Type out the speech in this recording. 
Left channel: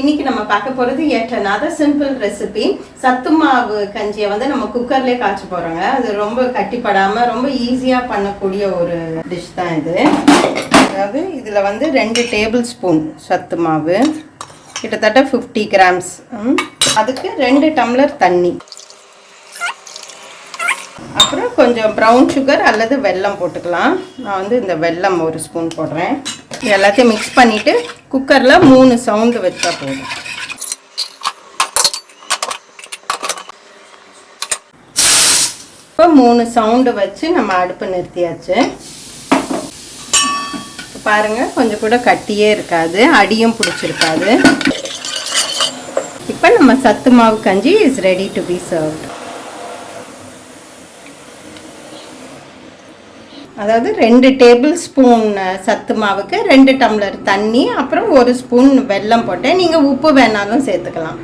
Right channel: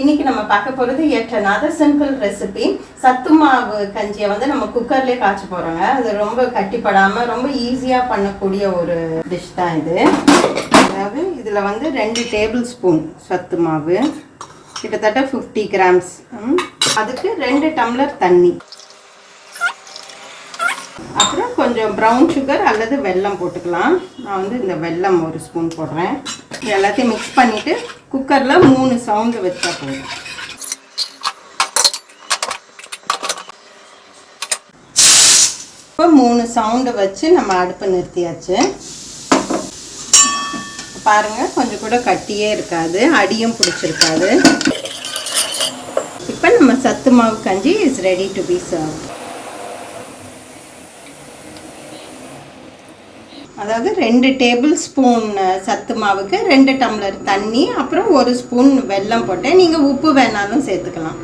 இன்னைக்கு நம்ம பார்க்க போகிறது yet another simple recipe. சத்து மாவு கஞ்சியை வந்து நம்ம குக்கர்லேயே காய்ச்ச போகிறோங்க. அது ரொம்ப கட்டிப்படாமல் ரொம்ப ஈஸியாக பண்ணக்கூடிய ஒரு டிஷ் தான் இது. அதாவது இதில் வந்து 2 டேபிள் ஸ்பூன் சத்து மாவு, கிட்டத்தட்ட 50 கிராம்ஸ். அதுக்கு 2 டம்ளர் தண்ணி, அப்புறம் கொஞ்சம் ப்ரௌன் சுகர் அல்லது வெல்லம் போட்டுக்கலாம். நான் வந்து இந்த வெல்லம் 1 ஸ்பூன் போடுறேன். இது எல்லாத்தையும் மிக்ஸ் பண்ணிவிட்டு குக்கரில் 3 சவுண்டு வச்சா போதும். இப்போ 3 சவுண்டு வச்சு நம்ம அடுப்பு நிறுத்தியாச்சு. பாருங்கள், கொஞ்சம் கூட கட்டியே இருக்காது, அடியும் பிடிச்சிருக்காது. இப்போ நம்ம சத்து மாவு கஞ்சி is ready to be serve. அதாவது 2 டேபிள் ஸ்பூன் சத்து மாவுக்கு 2 டம்ளர் தண்ணி, அப்புறம் 1 ஸ்பூன் வெல்லம் போட்டேன். நீங்கள் உப்பு வேணாலும் சேர்த்துக்கலாம்.